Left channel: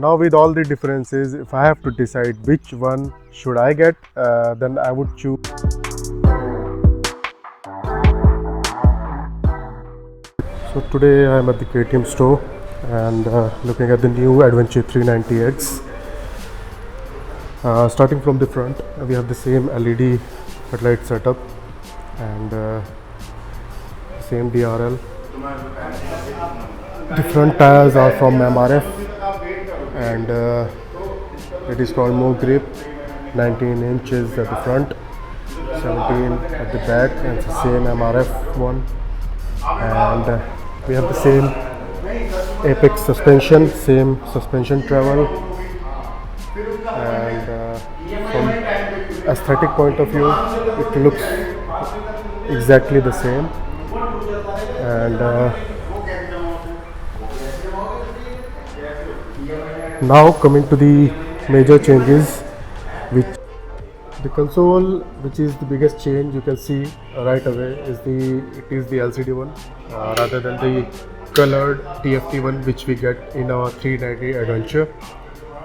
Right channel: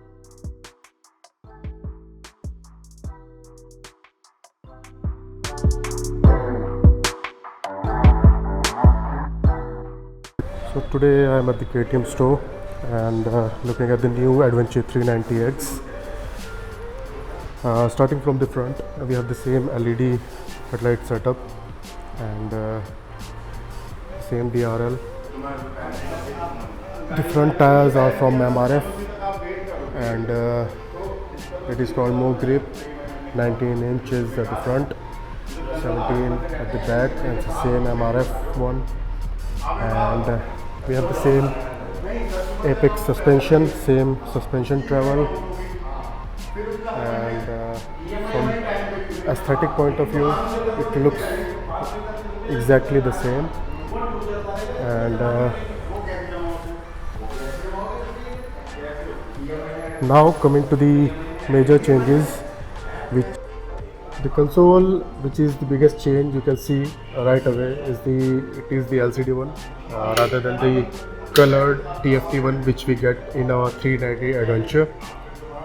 Now with all the differences, if I have to decide which one should I get, then I would choose. So today I am at the KTM store and looking at the new Adventure 390X. Starting from the front, we have the same LED headlight setup and same DRL. The front tires are from MRF and it is called More Grip. 19 inches at the front, 17 at the back, and it's the same MRF one. And we have the same Apex suspension, same suspension travel, and from aesthetic point of view it looks exactly the same. And now coming to the major changes, which the console, which is the biggest change you can see right away, is the LCD one rather than the colored TFT one which we get in our 390 Adventure.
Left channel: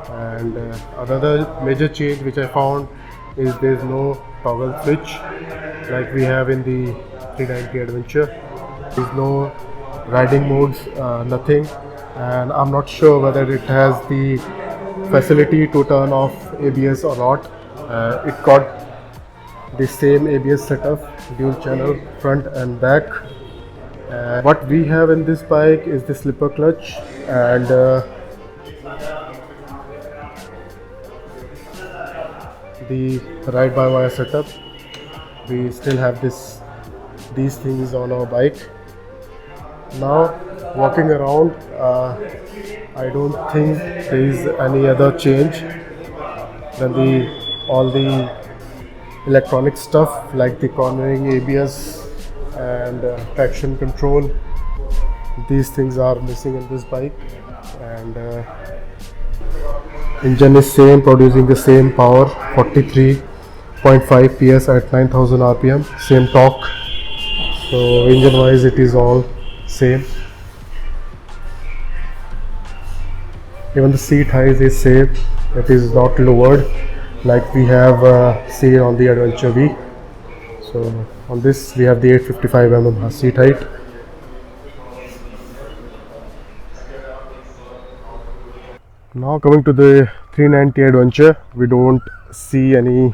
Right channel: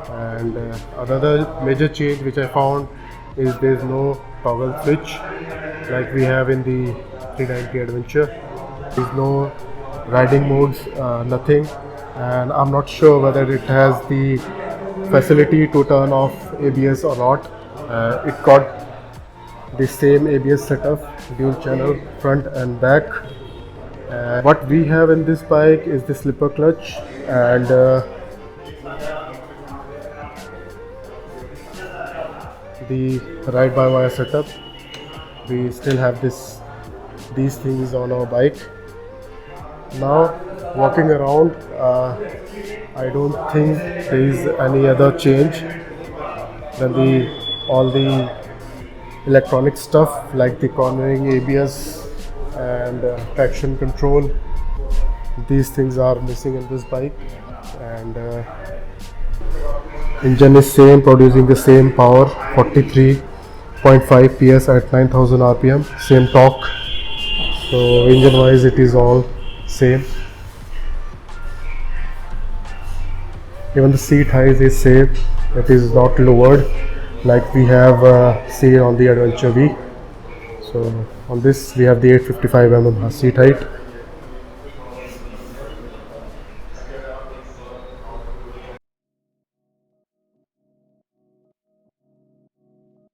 And another major change which I found is there is no toggle switch like we have in the 390 Adventure. There is no riding modes, nothing, and I'm not sure whether it has the facility to turn off ABS or not. It got the same ABS setup, dual channel front and back. What we have in this bike is the slipper clutch and the ride-by-wire setup. We still have these things on our bike. Now walking around, I don't think there is any other change than all the electronic stuff like the cornering, ABS and traction control. These things are missing in this bike. And engine is same, producing the same power, 43.5 PS at 9000 rpm, same torque. So engine wise it is all same. Even the seat height is same, it is not lowered like we have seen on the Adventure V. So on this we have the 855 mm seat height. Now coming to the 390 Adventure, we don't see any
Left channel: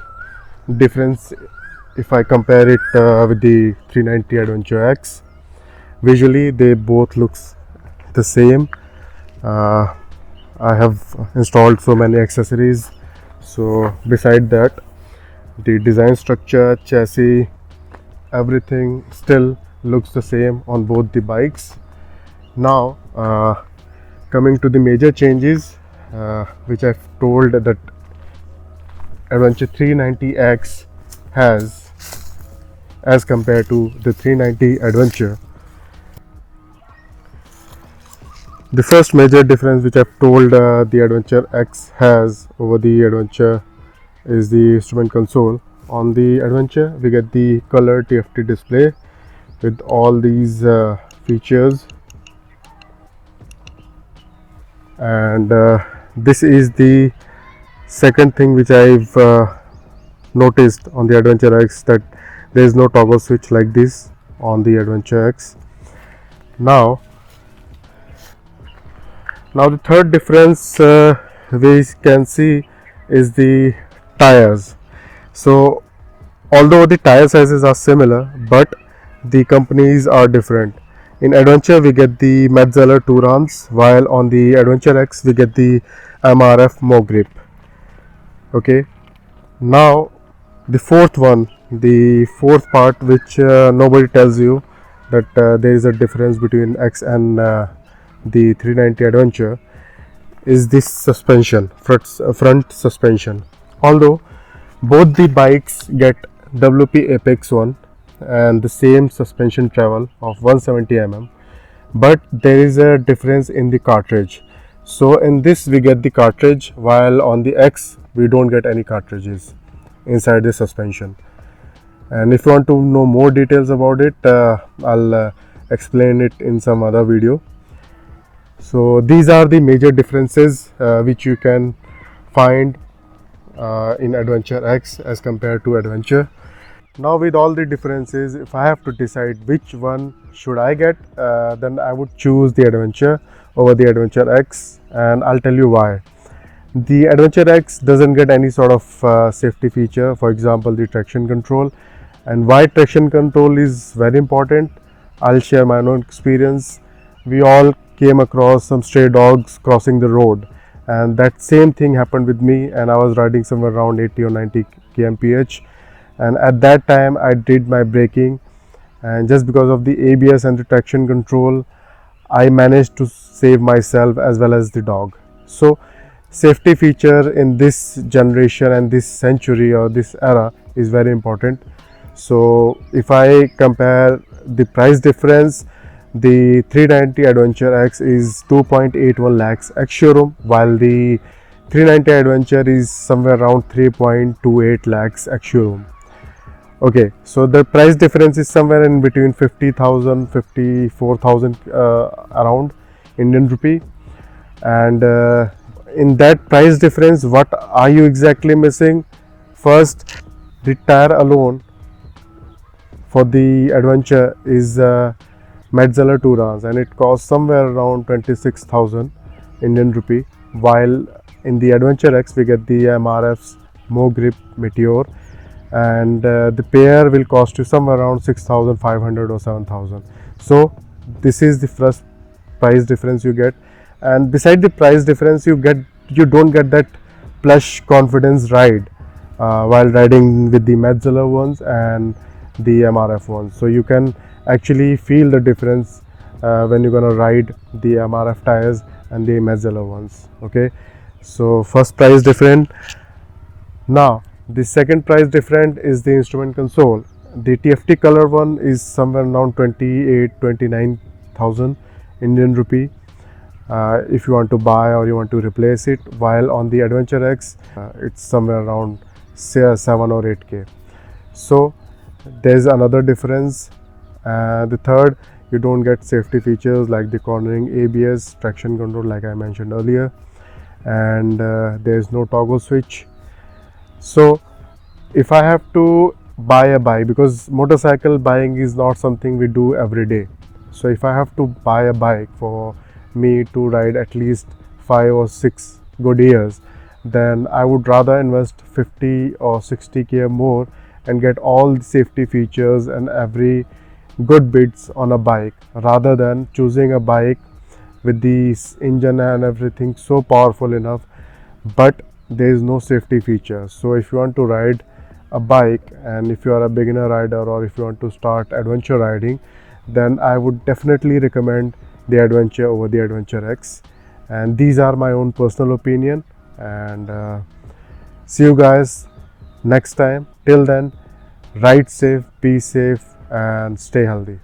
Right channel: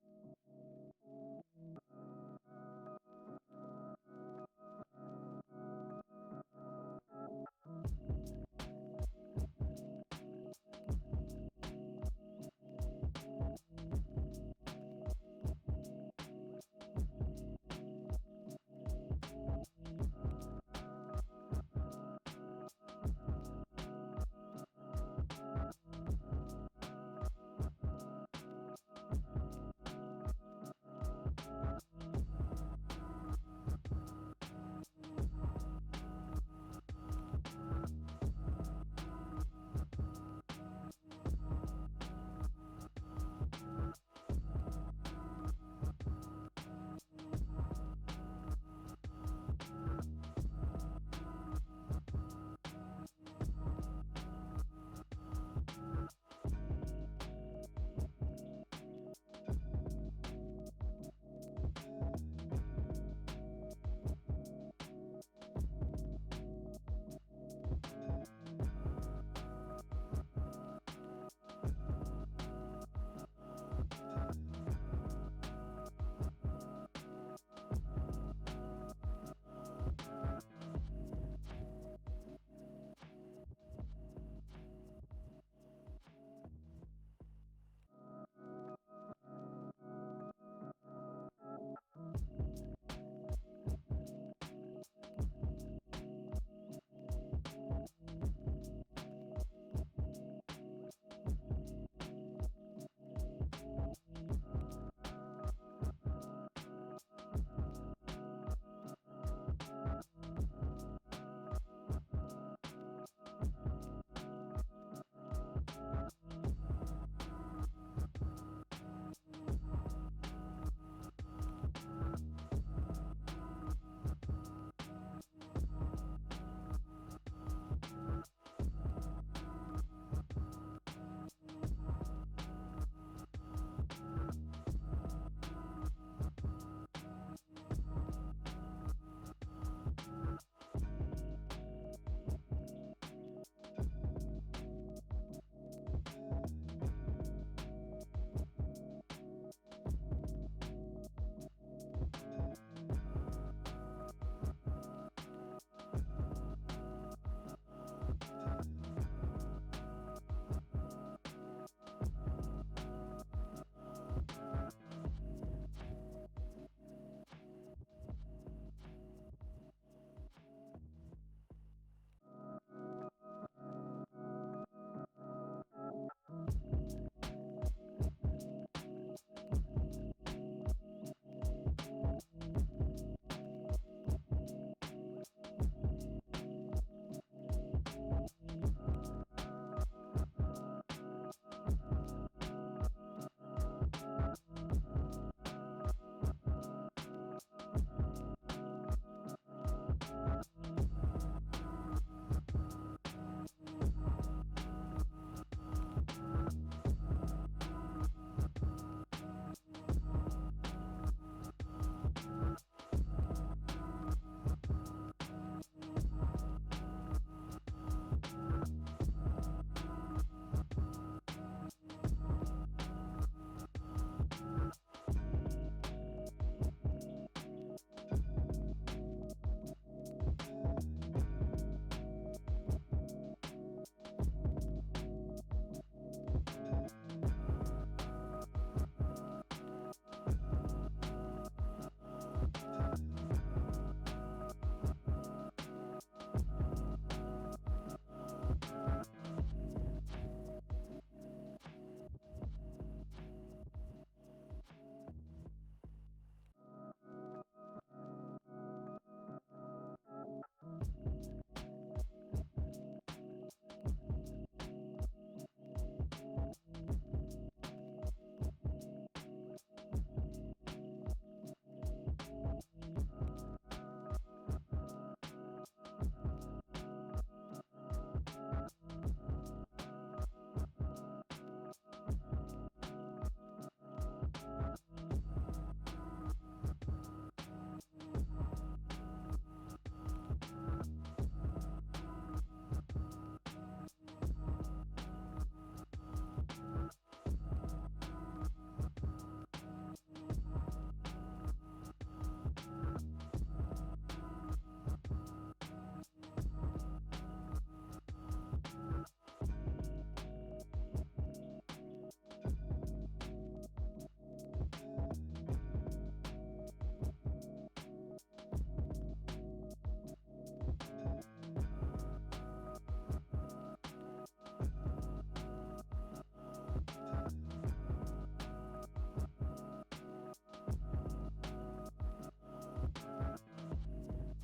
difference if I compare it with the 390 Adventure X. Visually they both looks the same. I have installed so many accessories, so beside that the design structure, chassis, everything still looks the same on both the bikes. Now coming to the major changes which I've told that Adventure 390X has as compared to the 390 Adventure. The first major difference which I've told the Adventure X has over the Adventure is the instrument console. On the Adventure we get the color TFT display with all these features, and this is the second thing which I've noticed on the Adventure X, that there is no toggle switch like this on the Adventure X. Now the third difference we can see is the tires. So although the tire sizes are similar, but the companies are different. In Adventure we get the Metzeler 2 rams, while on the Adventure X we get the MRF More Grip. Okay, now the fourth part which nobody tells you, that there is a difference between X and the 390 Adventure, is this suspension, front suspension. Although both the bikes get WP Apex 1 and the same suspension travel of 170 mm, but there is a difference in the cartridge. So in this we get the cartridge, while on the X we don't get any cartridges inside the suspension. And if you want to know more details about it, I'll explain it in some other video. So these are the major differences which you can find in Adventure X as compared to Adventure. Now with all the differences, if I have to decide which one should I get, then I would choose the Adventure over the Adventure X, and I'll tell you why. The Adventure X doesn't get any sort of safety feature, for example the traction control. And why traction control is very important, I'll share my own experience. We all came across some stray dogs crossing the road, and that same thing happened with me, and I was riding somewhere around 80 or 90 kmph, and at that time I did my braking, and just because of the ABS and the traction control I managed to save myself as well as the dog. So safety feature in this generation and this century or this era is very important. So if I compare the price difference, the 390 Adventure X is 2.81 lakhs ex showroom, while the 390 Adventure is somewhere around 3.28 lakhs ex showroom. Okay, so the price difference is somewhere in between 50,000 54,000 around Indian rupee. And in that price difference, what are you exactly missing? First, the tire alone for the Adventure is Metzeler Tourans, and it costs somewhere around 26,000 Indian rupee, while in the Adventure X we get the MRF's Mo Grip Meteor, and the pair will cost you somewhere around 6,500 or 7,000. So this is the first price difference you get. And beside the price difference, you don't get that plush confidence ride while riding with the Metzeler ones and the MRF ones. So you can actually feel the difference when you're gonna ride the MRF tires and the Metzeler ones. Okay, so first price different. Now the second price different is the instrument console. The TFT color one is somewhere around 29,000 Indian rupee if you want to buy or you want to replace it, while on the Adventure X it's somewhere around say 7 or 8k. So there's another difference. The third, you don't get safety features like the cornering ABS, traction control like I mentioned earlier, and there's no toggle switch. So if I have to buy a bike, because motorcycle buying is not something we do every day, so if I have to buy a bike for me to ride at least 5 or 6 good years, then I would rather invest 50 or 60k more and get all the safety features and every good bits on a bike, rather than choosing a bike with the engine and everything so powerful enough but there is no safety feature. So if you want to ride a bike, and if you are a beginner rider or if you want to start adventure riding, then I would definitely recommend the Adventure over the Adventure X. And these are my own personal opinion, and see you guys next time. Till then, ride safe, be safe, and stay healthy.